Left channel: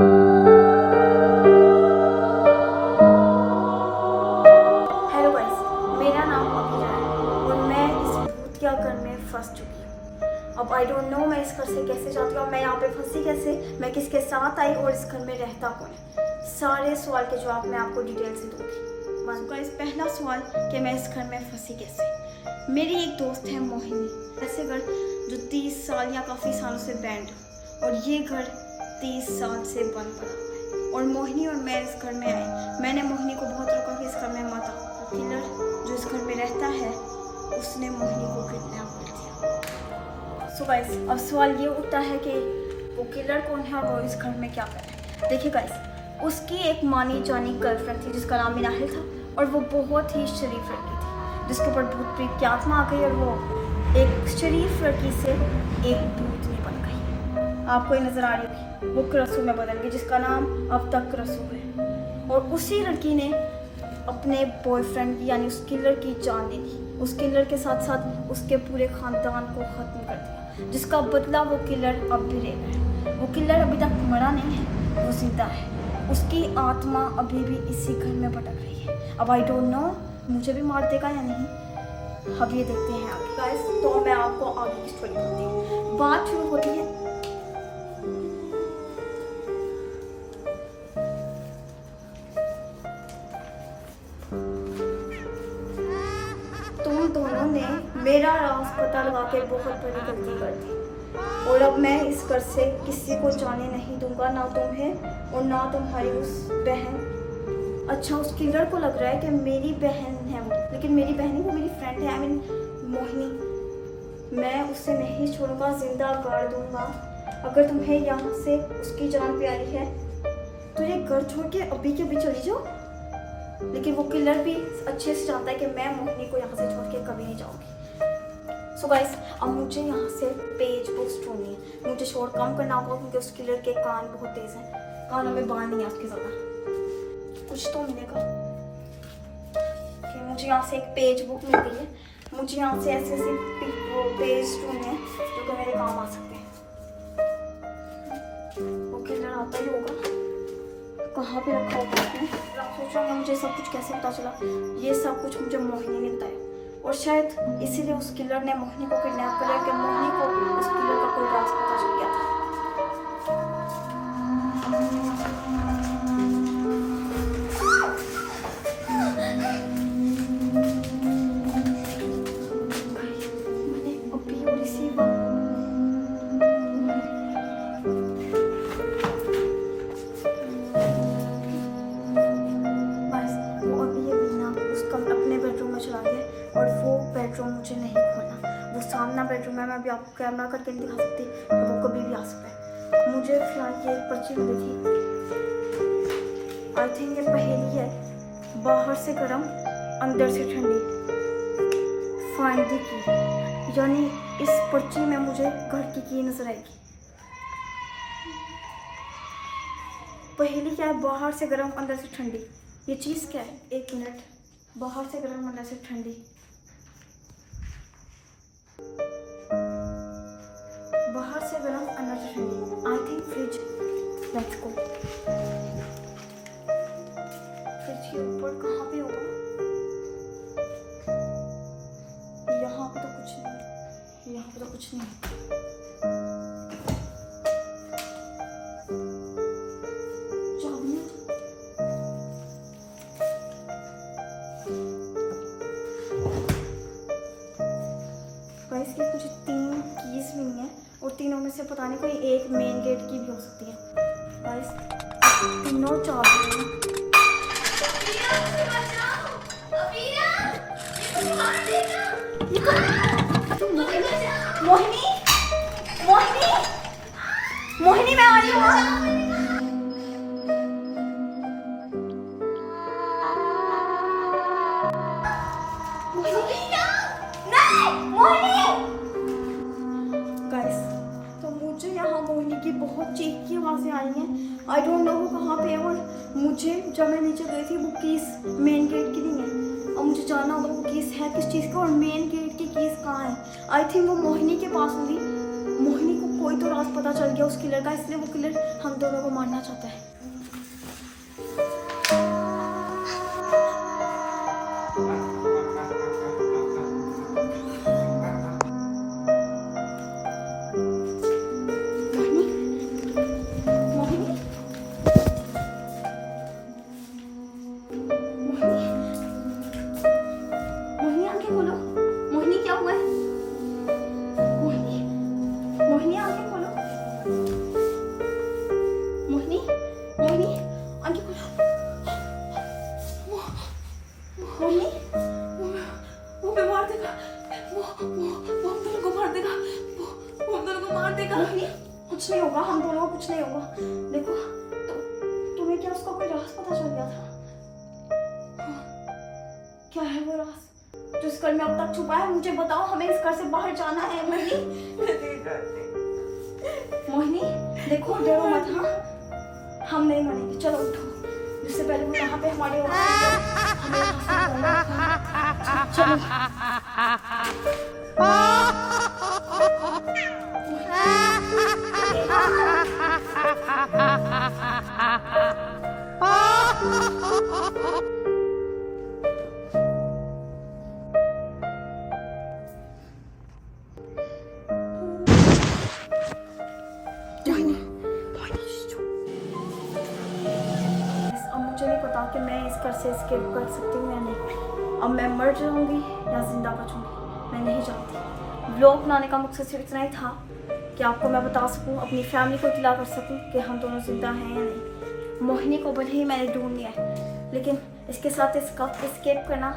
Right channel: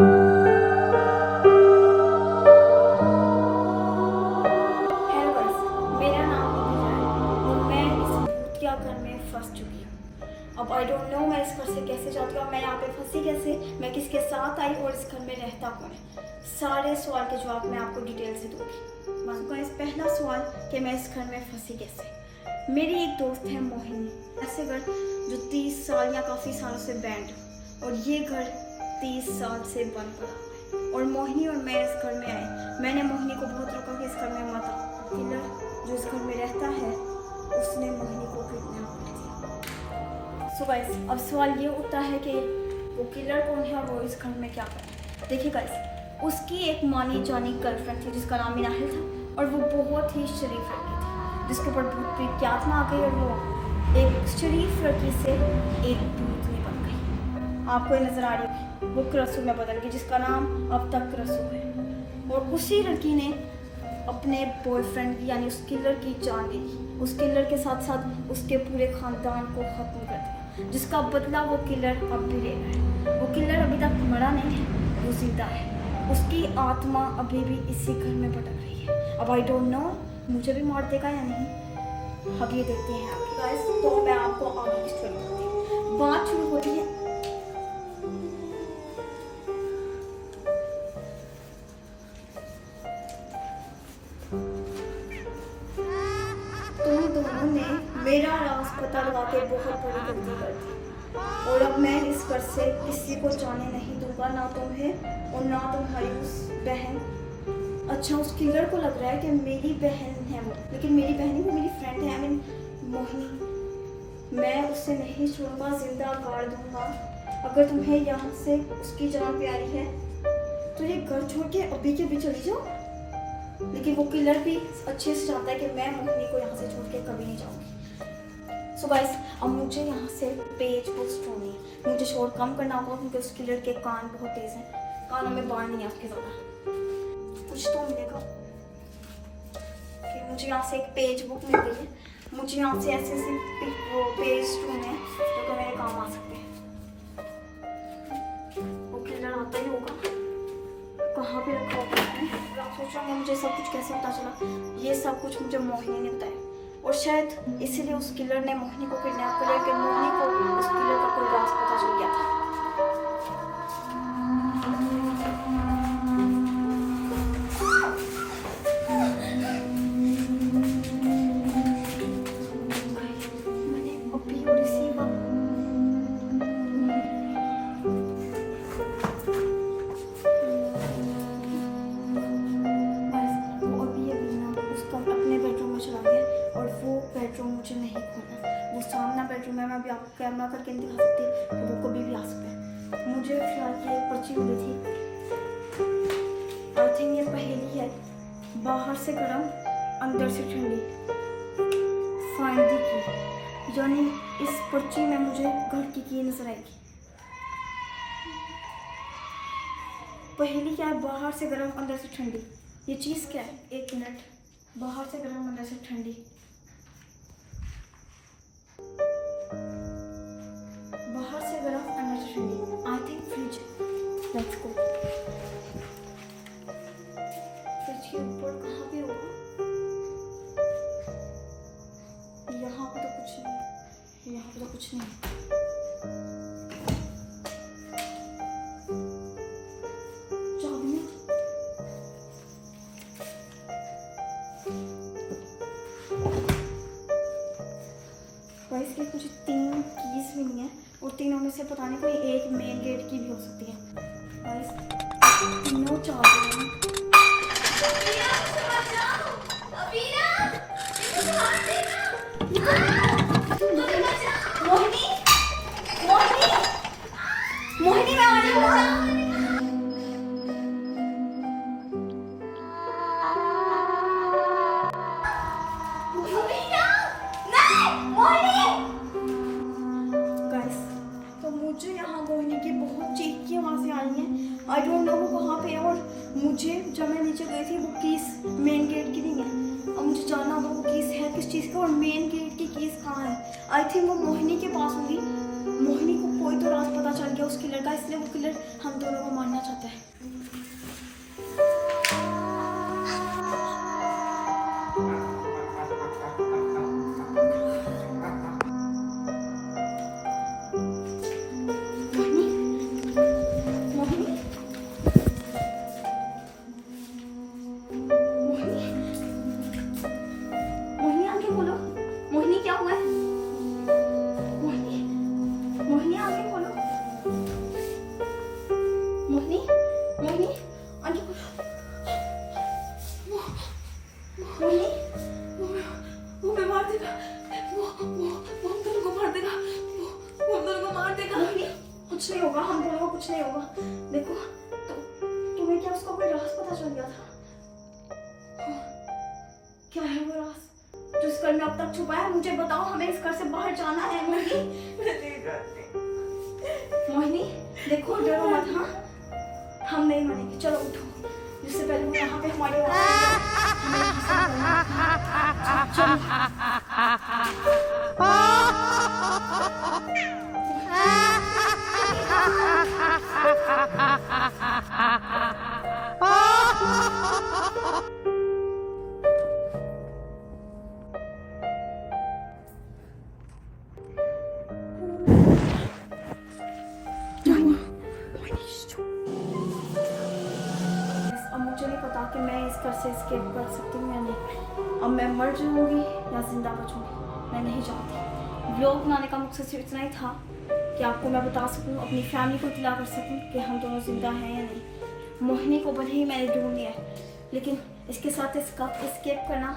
Hello guys, मेरा नाम अभिया है और मैं इस भूतिया घर में फंस चुकी हूँ। अब आई डोंट नो मैं इस घर से कैसे जाती हूँ, मैं यहाँ पे फंसी कैसे, मैं किसके साथ आई और इस घर में रहता कौन है। सारे सवाल के जवाब मैं आपको डिटेल से दूंगी। गाइस, पहला सवाल कि मैं इस घर में फंसी कैसे। मेरी एक दोस्त है मोहिनी, ऐसे घर जो 30 साल या काफ़ी सालों से बैंड और ये घर 30 साल से बंद पड़ा हुआ है। और मोहिनी और मैं इस घर में आए। मैंने मोहिनी को बहुत रोका कि इस घर में मत आओ। किलर जो इस घर में रहता है उसने मोहिनी को किडनैप कर दिया। सो गाइस, अब सवाल ये उठता है कि वो किलर कौन है और वो इस घर में क्या कर रहा है। देखिए गाइस, उसकी एक मानी जानी गर्लफ्रेंड थी जिसका नाम मिनाहिल था और वो बहुत ही शरीफ लड़की थी जिसके ऊपर भूत प्रेत की आत्मा आ गई और वो एक शरीफ लड़की से एक भूतनी बन गई। आपको ये नजर आ रही है, वो क्रसू में बदल गई जिसका नाम अब तक क्रसू है। और उसी लड़की ने अपने बॉयफ्रेंड यानी उस किलर की जान ले ली। उस किलर के साथ साथ उसके पूरे खानदान को ख़त्म कर दिया, जिसका बदला वो किलर अब भी ले रहा है। वो किलर अभी तक मरा नहीं है, वो जिंदा है। उसकी आत्मा अभी भी इसी घर में भटक रही है। अब आई डोंट नो मुझे भी मार देगा या नहीं, अब ये देखते हैं आगे। गाइस, तो मैं आपको आगे की स्टोरी बताती हूँ। बात शुरू होती है तुम दोनों ने मेरा राज पता लगा के बहुत बड़ी गलती कर दी और अब मैं इस घर से किसी को जाने नहीं दूंगा, ना तुम्हें और ना तुम्हारी उस बहन। अच्छा, उस किलर को लग रहा है कि मेरी बहन है वो, लेकिन मेरी बहन ही वो मेरी फ्रेंड है, आई मीन मोहिनी। मैं उसे नहीं छोड़ूंगा, जिंदा गाड़ दूंगा। अगर तुम्हें यहाँ से उसकी जान प्यारी है तो ये घर छोड़ के अभी के अभी चली जाओ। लेकिन वो किलर भी अच्छे से जानता है कि मैं मोहिनी को यहाँ से छोड़ के कभी नहीं जाऊंगी। सो गाइस, अब मुझे यहाँ से पेज बुक्स ढूंढनी है। मुझे शोर कम करना होगा क्योंकि उस किलर के कान बहुत तेज हैं, कानों में बाढ़ नहीं है उसके ज़्यादा। कुछ तो मिलेगा कि मुझे यहाँ से एक पेज बुक मिल गई है। मुझे यहाँ से ऐसे ऐसे पेज ढूंढने हैं जो तो मेरे काम आ सकते हैं। वो किलर आता ही होगा, कहाँ पे रखा होगा उसने। आप सोच रहे होंगे मुझे सब कुछ कैसे पता चला। ये सब कुछ मुझे मोहिनी ने बताया और शायद इसीलिए उस किलर ने मोहिनी को किडनैप कर लिया कि मोहिनी को उस किलर का कोई राज पता चल गया था। मैंने अभी रिसीव चला गया और वो बेडरूम मुझे नहीं खोलना। वो सामना बेडरूम है, मैं अभी आपको कैमरा करके नहीं दिखा सकती, तो वो कभी भी आ सकता है। मुझे फिलहाल ये एक पर्ची मिली थी, आई थिंक ये पहेली है। बाहर से गर्म अंदर से ठंडी, फाइंड द की। यानी इस पर्ची में मुझे घर की नजर आएगी। पहेली क्या है? बाहर से गर्म अंदर से ठंडी। ये चीज़ क्या है? एक मिनट। बाहर से गर्म अंदर से ठंडी, बाहर से गर्म अंदर से ठंडी। I think fridge. Let's go. Fridge के ऊपर कहाँ पे होगा? यहाँ पे तो कुछ नहीं, यहाँ पे तो कुछ नहीं। चाबी गाइस, के मुझे 3 कीज मिली हैं और तीनों में से पता नहीं कोई एक मेन गेट की भी हो सकती है। गाइस, तीनों चाबी हैं। मोहिनी, मोहिनी, मोहिनी, मैं आ रही हूँ। मुझे यहाँ मोहिनी की बहुत चीख की आवाज़ें आई हैं। आई डोंट नो वो कहाँ पे है और मुझे जब मैं नीचे गई थी वो कीस मेन गेट की नहीं है। अब मुझे जानना होगा वो कीस है किस चीज़ का और मेन गेट की कीस कहाँ है। आई थिंक वो मोहिनी के पास होगी। मोहिनी को कोई तो राज पता चल गया उस किलर का, इसलिए वो किलर हम दोनों को मारना करना चाहता है। मोहिनी आंखें खोलो। मोहिनी क्या हुआ है? मोहिनी आंखें खोलो। मोहिनी मोहिनी आंखें खोलो। मोहिनी वो हमें मार देगा। वो हम दोनों को मार देगा। वो हम दोनों को मार देगा। मोहिनी कुछ नहीं होगा, हम दोनों को कुछ नहीं होगा। देखो तुम्हें क्या उसका कोई राज पता चल गया था? क्या है वो राज जो इस घर में अब तक छुपा है? मुझे बताओ, हमें इस घर से बाहर जाना है। मोहिनी मोहिनी देखो, डरो मत। हाँ हम नहीं मरेंगे, चलो उठो। जिससे पहले वो यहाँ पे हमारे चलो। अब मुझे नहीं पता कि मैं इस घर से एस्केप कर सकती हूँ या नहीं। अब मैं मर जाऊंगी या जिंदा बचूंगी, मैं नहीं जानती। व्लॉग बनाने का मकसद सिर्फ इतना ही था कि आपको मैं बता सकूं, अपनी फैमिली को इत्तला कर सकूं कि हम दोनों जिंदा हैं या नहीं। मोहिनी को भले ही मैंने ढूंढ लिया है, लेकिन इसके साथ इसका एस्केप करना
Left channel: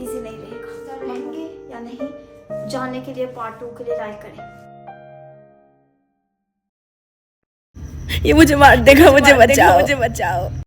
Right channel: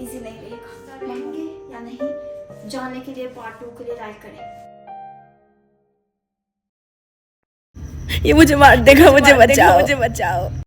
ईजी नहीं रहेगा। रहेंगे या नहीं जानने के लिए पार्ट 2 के लिए लाइक करें। ये मुझे मार देगा, मुझे बचाओ, मुझे बचाओ।